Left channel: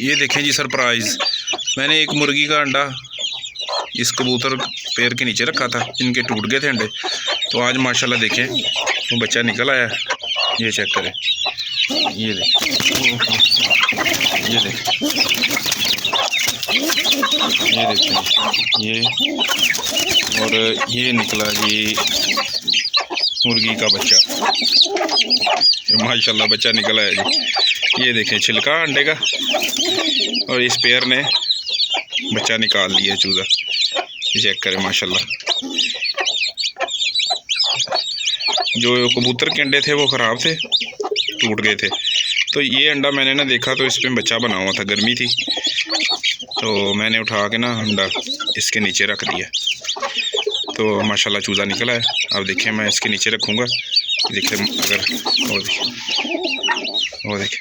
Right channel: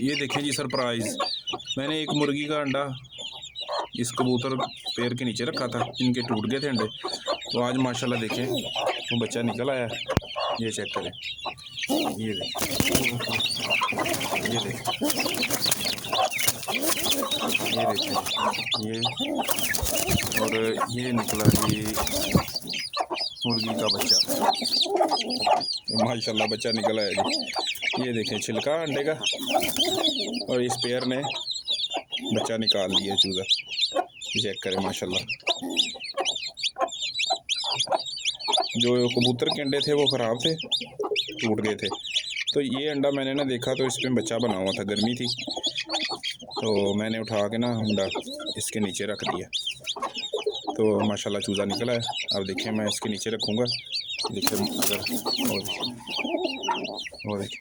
ये देखें जी सरप्राइज़, मैंने एक मुर्गी का अंडा इस कबूतर पैर के नीचे रखा था, इनके टूट गए थे अंडे। तो आज माशाल्लाह देखें वो बच्चा निकल आया। ये चेक करें, ये देखें, ये देखें, ये देखें, ये और ये निकला जी मुर्गी का बच्चा। माशाल्लाह बच्चा निकला है जी। ये देखें छिलका अंडे का, और इस पेयर ने बच्चा निकाल लिया चूज़ा। ये चेक करें माशाल्लाह। जो कबूतर के अंडे थे वो ख़राब थे, टूट गए थे। तो ये अंडा मैंने ना देखा तो इस पर बच्चा बना हुआ था, गर्मी थी तो मैंने उठा के ना अंडा इसके नीचे रख दिया। तो माशाल्लाह चूज़ा निकला है। अब देखिए मैं इसके नीचे रखूँगा, देखिए अगर वो देखिए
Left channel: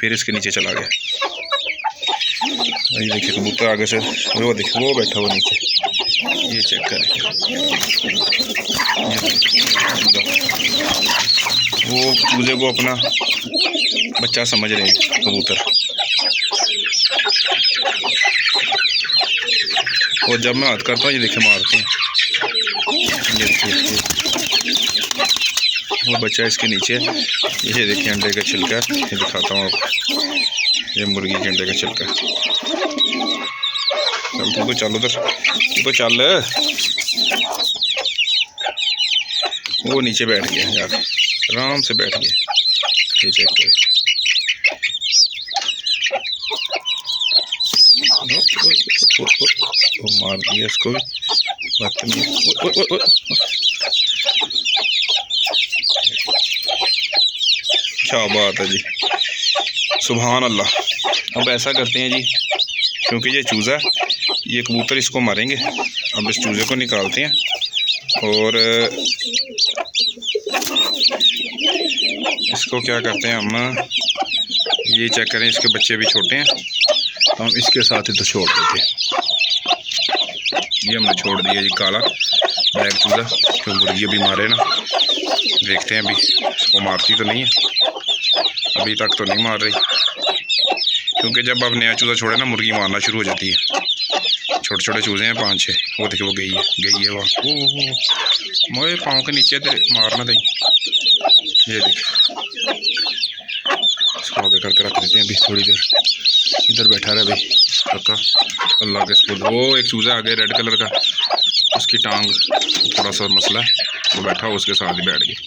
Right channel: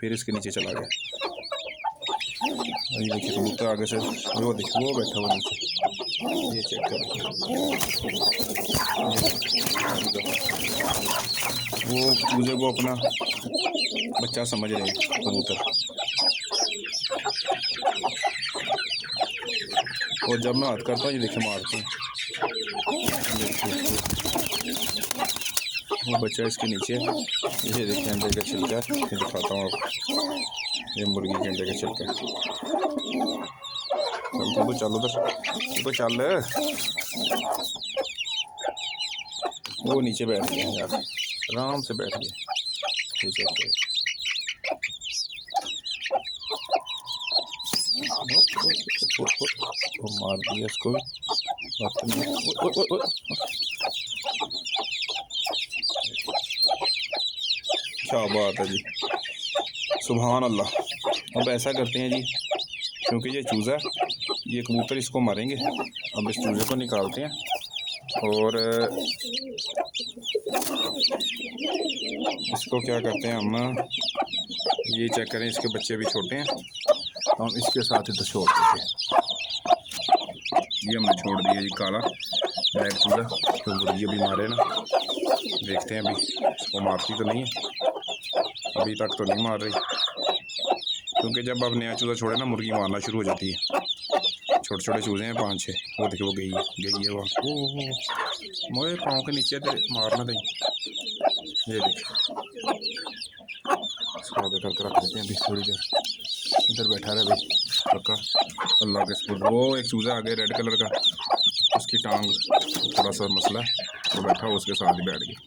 फिर इसके नीचे चला गया। ये देखिए कबूतर आगे से वो देखिए वो बैठा हुआ नीचे। ये चेक करें, वो चूज़े को अपना बच्चा समझ रहे हैं कबूतर। और जब मैं हाथ करता हूँ ये देखिए मारते हैं। ये देखिए वो बच्चा इसके नीचे। ये देखिए अंडे का छिलका, ये दिखाता हूँ आपको, ये मुर्गी के अंडे का छिलका। चल तू चल उधर, तू तो चल। वो नीचे बैठ गया यार, आराम से बैठ गया। ये चेक करें, वो मार दिया इसको भी। क्या बात है जी, सुभान अल्लाह। अब ऐसा करते हैं जी, क्योंकि ये चूज़ा ये कबूतर इसको मारेंगे। अब इस चूज़े को निकालते हैं और इसको क्या करते हैं हम, ये चेक करें इसके बच्चे भी छोटे हैं तो हम इसके साथ ही तो छोड़ देते हैं। ये हमने छोड़ दिया जी काला ब्लैक चूज़ा, क्यों मुर्गी अभी मारे ना। देखते हैं अभी इसको मारती तो नहीं है, अभी तक तो नहीं मार रही, क्योंकि जब आप नया चूज़ा छोड़े ना मुर्गी मारना शुरू हो जाती है। छोटे छोटे चूज़े हैं 5-6। वो देखिए वो गई है वहाँ। ओ मोए पाँव के नीचे मारना दें। ये देखिए इसको आगे करके रख देते हैं अभी थोड़ी देर। इधर बैठा रहे भाई रखा अल्लाह के स्कूल। वो एक चूज़ा आ गया रेड कलर का, उसकी टांग थोड़ा सा मसला है, वो बैठा उसके साथ ही बैठ गया।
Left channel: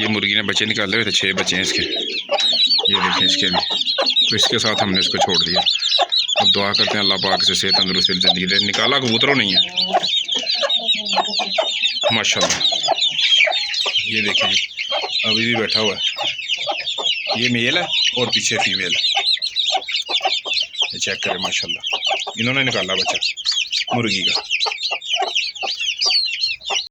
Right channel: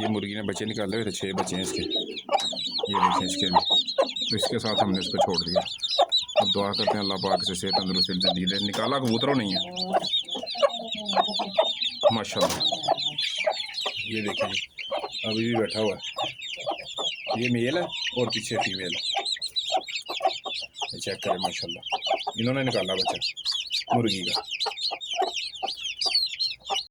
ये मुर्गी ने बच्चे निकाले हुए थे, 6 बच्चे हैं इसके। ये देखें इसके भी, तो इसके साथ हमने इसको छोड़ दिया। अब दुआ करते हैं अल्लाह पाक से सेहत तंदुरुस्ती ज़िंदगी दे। निकाला कबूतरों नहीं है माशाल्लाह। ये देखें जी अभी भी बैठा हुआ है, ये मेल है और पीछे फीमेल है। ये चेक करें माशाल्लाह, इन्होंने निकाला बच्चा मुर्गी का।